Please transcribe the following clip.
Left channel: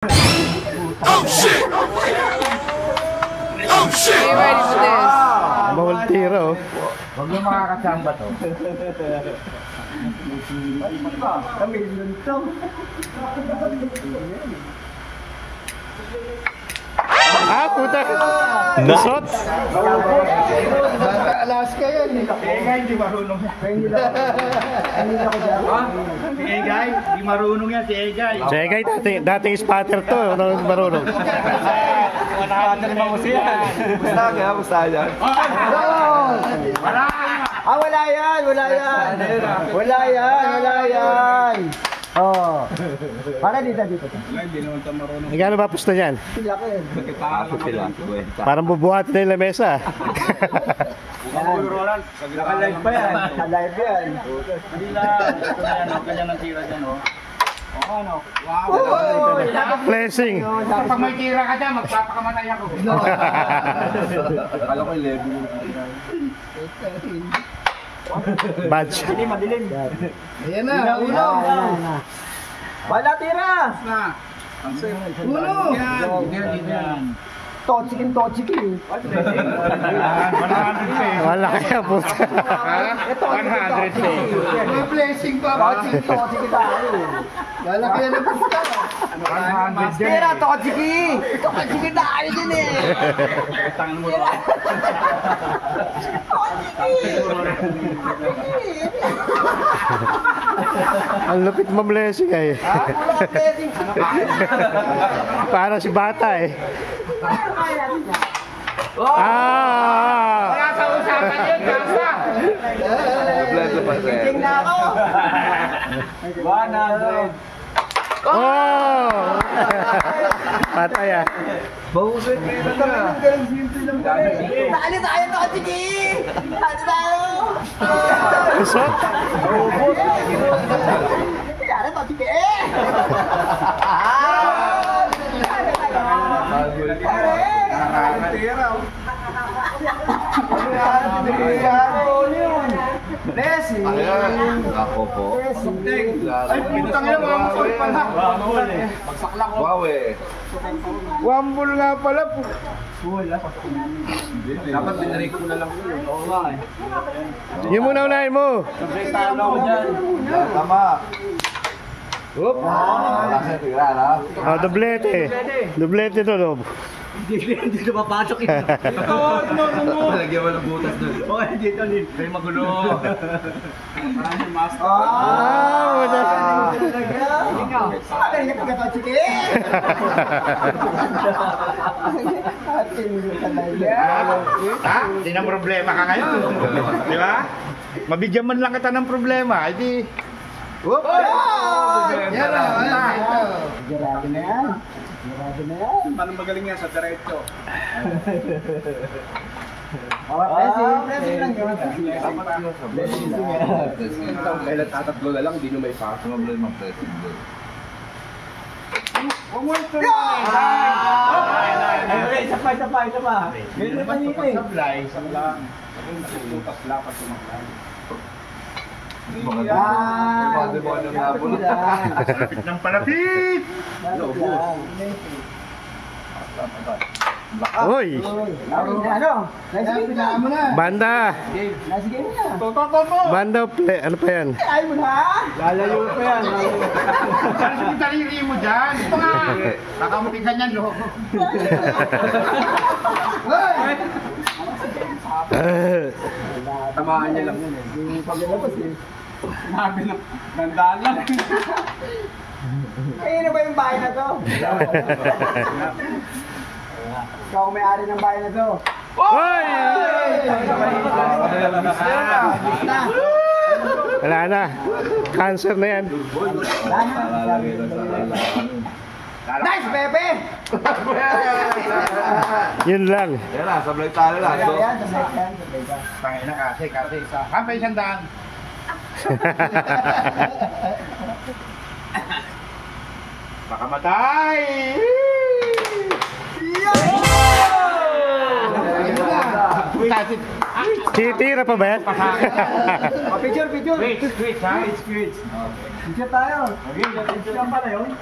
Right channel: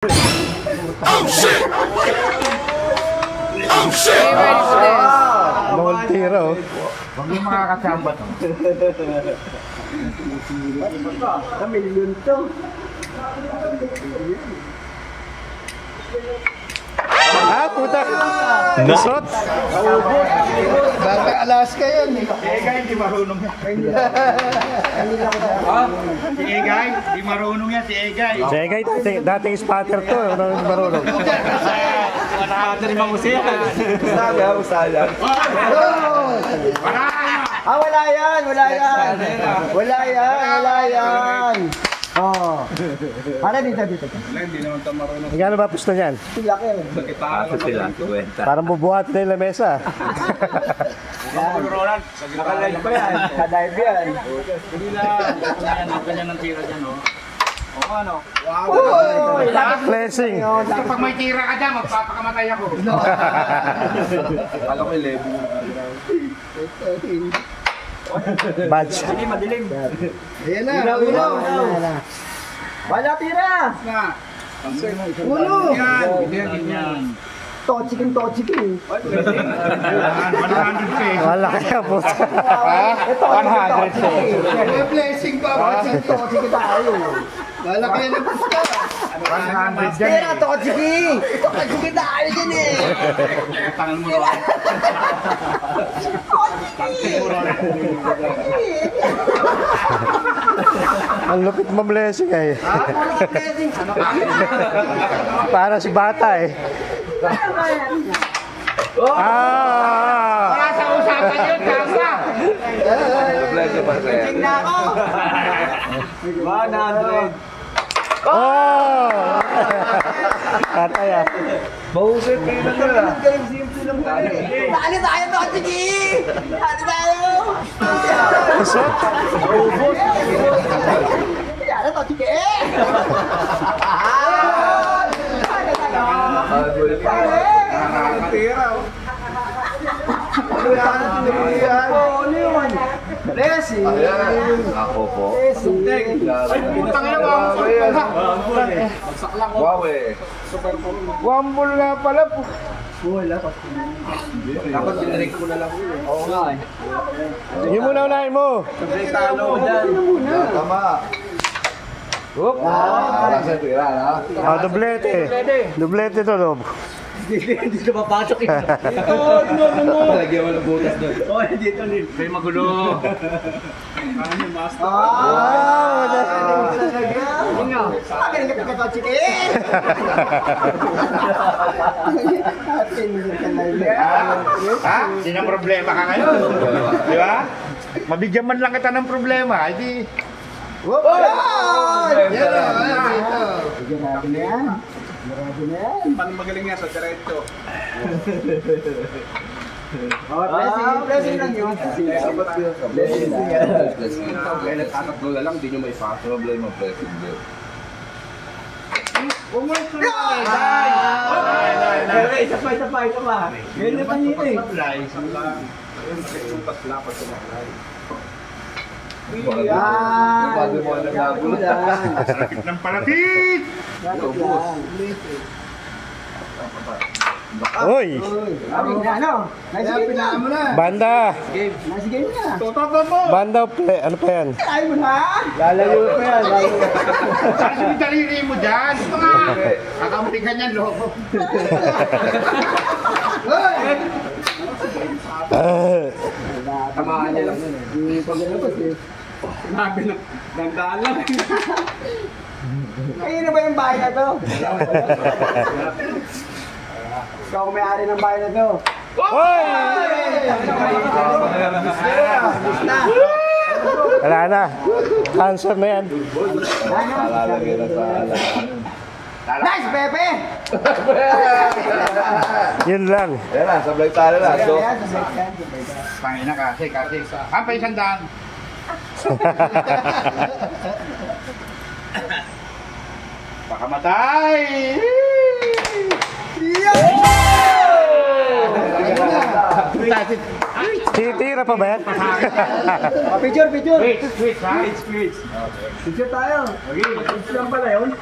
Oh shit! Oh shit! Are you ready for this? Voltiro. Huwag yung makakasamba to. Kamilyon to. Puta. Nisot. Bata Alaska yan eh. Si Egay, hindi marunong yan. Si Egay, hindi marunong yan si Egay. Si Egay, dating spotter to. Ano marunong? Spotter bang usiyan? Usayan. Wala yan. Wala yan. Oh. Para dito. Hindi naman ito marunong. Igano ba pusto niyan? Kaso sila, 50. Parang bubuhat na yung lamesa. Roland, nakalive pa yan. Nakalive yan. Hindi lang. Ganyan ang tira dyan, no? O ano? Wow! Blessing. Kapag may tira ka dyan, magpapakamatay ako. Alam ko 11. Badge. Madilim. Ayan na. Uno. Wala tira. Uno. Yan. Tochikin. 100 pesos. Wala kaya po. 100 pesos. May blessing pa. Bakit tochikin tayo? Wala kaya na pusta. 100 dyan eh. Tochikin tayo dyan eh. Tangan mo rin. Ang lupit mo blessing eh. Wala ka blessing. Ano ka? Para si bata eh. Kaya sa usapan yun, kasa. Blessing na ako. 100. Patay yan. Bahusot kayo na nila. Simple lang tayo. Ano tayo, Tochiki? Ano tayo? Pusot? Ubus. Yara, Tochiki! Tira. Blessing. Ako po. Ay, putang ina, bagsak lang. Wow eh. Wambol na pala po. Dapat binarik ko na lang yun eh. Oo nga eh. Yung muna unahin mo. Sabay talo dyan. Tama. Oop. Wala sa tira na. Doblete. Doblete to, Dob. Hindi na mapasok eh. Lagyan mo ng butas doon. Oh, dito din. May magulo. Hindi na problema ka ngayon. Di ba? Mabigyan man lang kita ng problema. Hindi. Whoop! Paano magaling yan sa diretso? Blessing lang yun. Kailan tatatlo na lang, hindi nyo may pass. Problema pressing doon. Isa pa. Ganyan pa dito eh. Isang lang. Sutas lang pag sumaklay. Lapit ng palapit! Uy! Ano? Nice game na. Banda! Nice game na. Banda play. Ano pa yan? Ay mo na. Lalayo pa yan. Saan yung daliri mo dyan? Kakamutin ka niyan, loko. Tamaan niya lang yun eh. Hindi paglalabas eh. Sinabi na, gandaan lang. Ayun na ba yung bahay na to? Ikaw kung may-ari ng bahay na to. Uy! Wala na. Cancer na yan. Lalagyan na sa alam. Nice, Pepe! Yun lang. Ayan na, sablay tayo na. So, Pangina kasi. Kampay sandaan. Baka matay! Titira pa ba yan? Picture. Wait, ha? It's Picture tayo. Okay. Picture lang pala yun.